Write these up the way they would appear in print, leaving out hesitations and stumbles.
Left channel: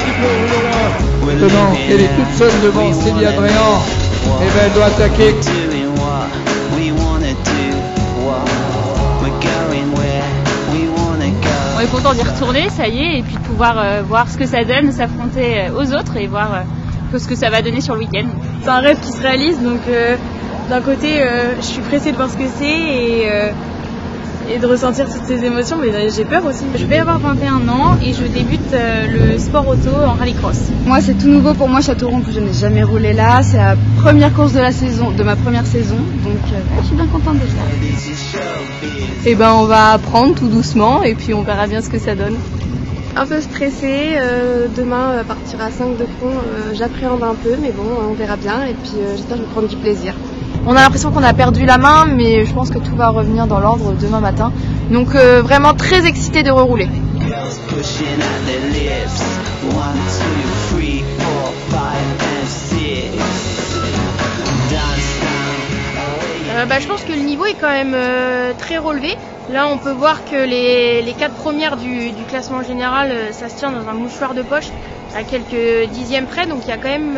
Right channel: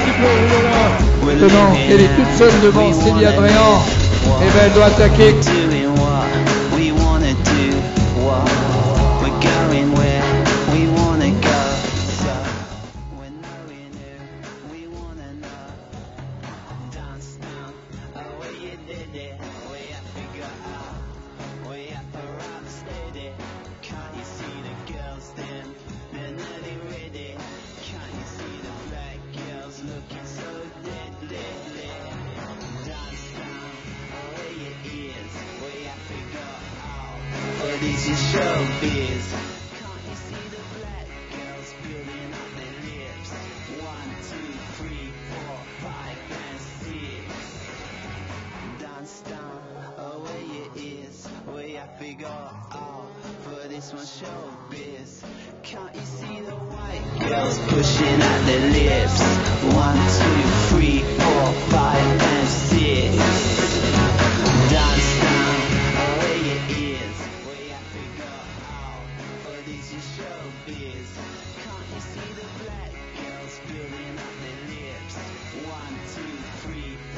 petit peu au rouleau là. Maintenant, elle est toute seule devant Célia Dréan. Et ben elle doit attaquer. On est content d'y retourner, ça y est, et puis de pouvoir voir ce que ça donne, s'affronter aux autres et voir ce que ça va donner sur le week-end. C'est un rêve qui se réalise, donc d'un côté je suis pressée de voir ce que c'est et de ressentir toutes ces émotions, mais j'ai peur aussi. Je vais avoir 21 ans et je débute le sport auto en rallycross. Moi c'est tout nouveau pour moi, Châteauroux, en plus je n'ai jamais roulé là, c'est la première course de la saison, de ma première saison, donc je suis bien contente de ça. Et ben on va apprendre tout doucement et puis on verra bien ce que ça donne. Un peu stressée, demain à partir à 5 de fond, j'appréhende un peu, mais bon on verra bien et puis j'espère que je vais prendre du plaisir. On a l'impression qu'on a perdu la main, mais je pense que tout va revenir dans l'ordre demain matin. Donc vraiment très excitée de rerouler. Je pense que le niveau est quand même très relevé. Là on peut voir que les 4 premières du classement général, ça se tient dans un mouchoir de poche à quelques dixièmes près, donc il y a quand même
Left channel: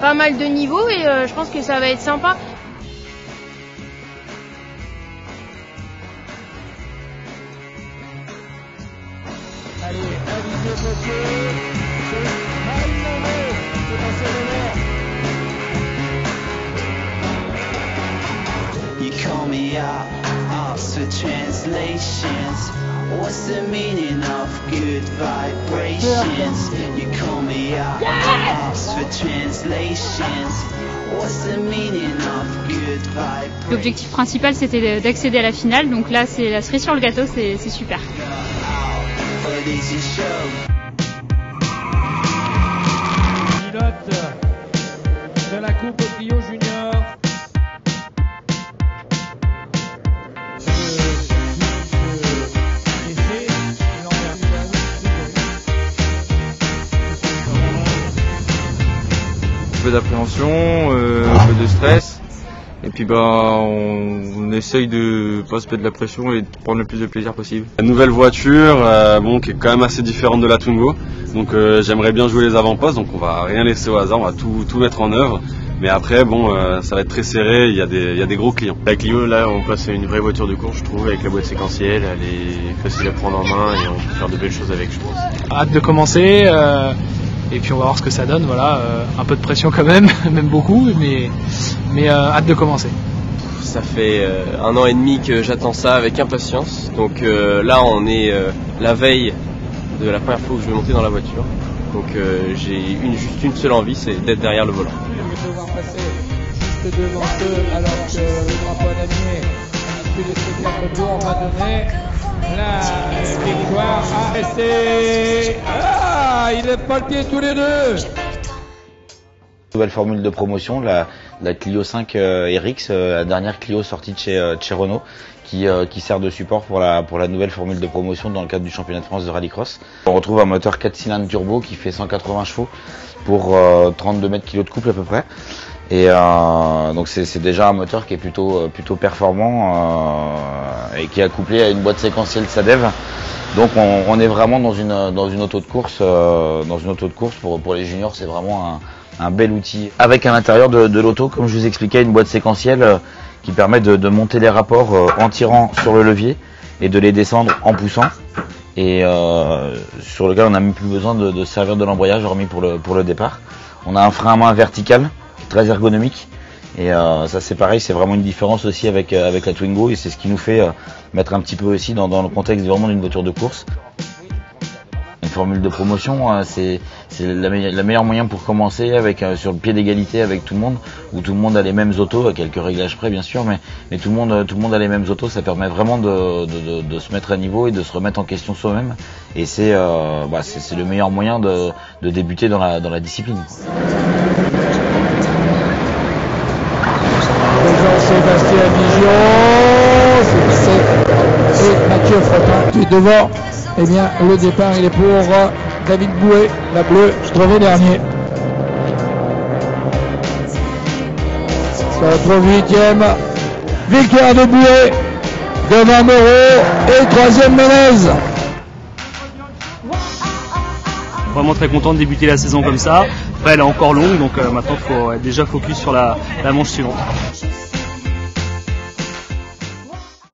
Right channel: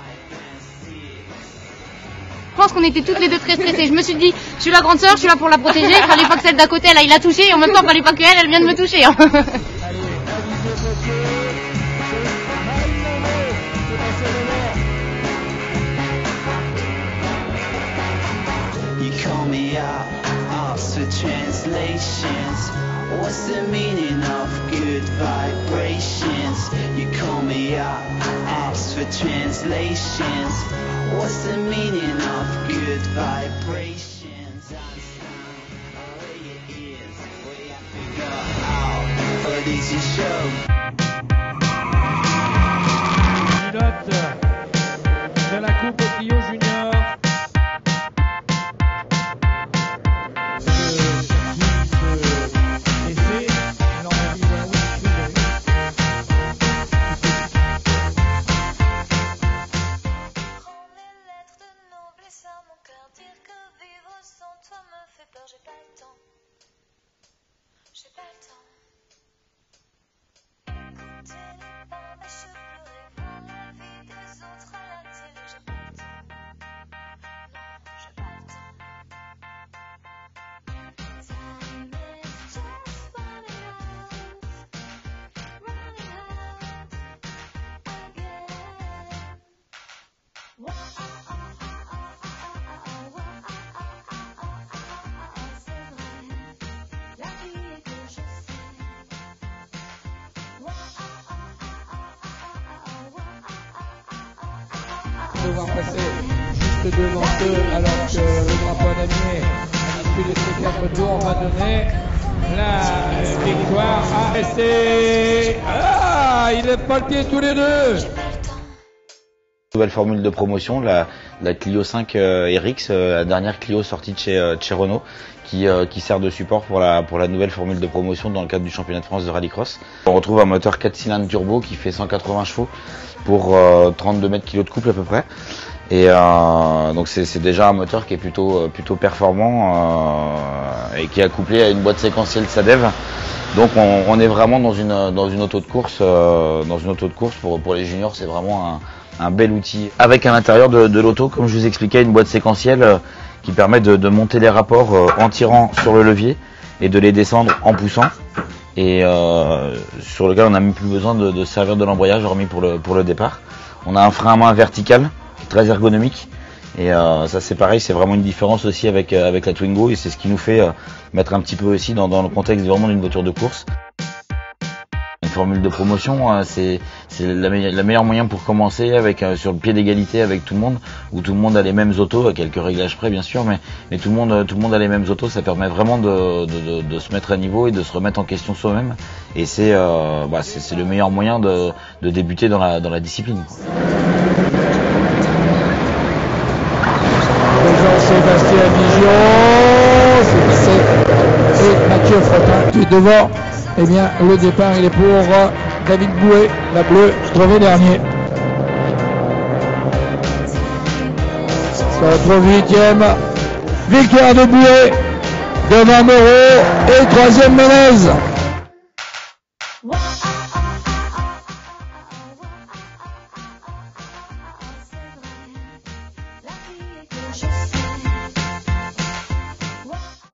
pas mal de niveaux et je pense que ça va être sympa. Je pense qu'on était toutes les deux très stressées. Je me suis dit, je suis la grande sœur, je suis là pour la protéger. Il fallait pas que celle d'à côté elle aille la toucher et en même temps il fallait pas qu'elle, elle vienne me toucher. Hein. Allez, avisez votre You call me out, ask for translations. What's the meaning of good vibrations? You call me out, ask for translations. What's the meaning of good vibrations? L'objectif principal c'était d'accéder à la finale, donc là c'est la cerise sur le gâteau, c'est super. Pilote de la Coupe Clio Junior. Un peu d'appréhension, un peu de stress, et puis on essaye de pas se mettre de la pression et de prendre le plus de plaisir possible. La nouvelle voiture, qui est quand même assez différente de la Twingo, donc j'aimerais bien jouer les avant-postes, donc on va rien laisser au hasard, on va tout mettre en œuvre. Mais après, ça va être très serré, il y a des gros clients. La Clio, là, on passe à une vraie voiture de course, je trouve, avec la boîte séquentielle, elle est facile à prendre en main et on peut faire de belles choses avec, je pense. Hâte de commencer, et puis on va voir ce que ça donne, voilà, un peu de pression quand même, même beaucoup, mais hâte de commencer. Ça fait 1 an et demi que j'attends ça avec impatience, donc là on est la veille de la première fois où je vais monter dans la voiture. Donc j'ai juste une seule envie, c'est d'être derrière le volant. Devoir passer juste devant eux alors que le drapeau d'Amiens, à l'issue de ces 4 tours, va donner la victoire à ST. Ah, il est pas le pied tous les deux. Nouvelle formule de promotion, la Clio 5 RX, la dernière Clio sortie de chez Renault, qui sert de support pour la nouvelle formule de promotion dans le cadre du championnat de France de rallycross. On retrouve un moteur 4 cylindres turbo qui fait 180 chevaux pour 32 mètres kg de couple à peu près. Et donc c'est déjà un moteur qui est plutôt performant et qui est couplé à une boîte séquentielle SADEV. Donc on est vraiment dans une auto de course, pour les juniors, c'est vraiment un bel outil. Avec à l'intérieur de l'auto, comme je vous expliquais, une boîte séquentielle qui permet de monter les rapports en tirant sur le levier et de les descendre en poussant. Et sur lequel on n'a même plus besoin de servir de l'embrayage, hormis pour le départ. On a un frein à main vertical, très ergonomique. Et ça c'est pareil, c'est vraiment une différence aussi avec la Twingo, et c'est ce qui nous fait mettre un petit peu aussi dans le contexte vraiment d'une voiture de course. Une formule de promotion, c'est le meilleur moyen pour commencer sur le pied d'égalité avec tout le monde, où tout le monde a les mêmes autos, à quelques réglages près bien sûr, mais tout le monde a les mêmes autos. Ça permet vraiment de se mettre à niveau et de se remettre en question soi-même, et c'est le meilleur moyen de débuter dans la discipline. Jean-Sébastien Bigion, c'est Mathieu Frottin qui est devant. Eh bien, le départ, il est pour David Bouet, la bleue, trouvé dernier. Ça retrouve 8e. Victoire de Bouet, devant Moreau et 3e Ménez. Moi vraiment très content de débuter la saison comme ça. Après elle est encore longue, donc maintenant il faut être déjà focus sur la manche suivante.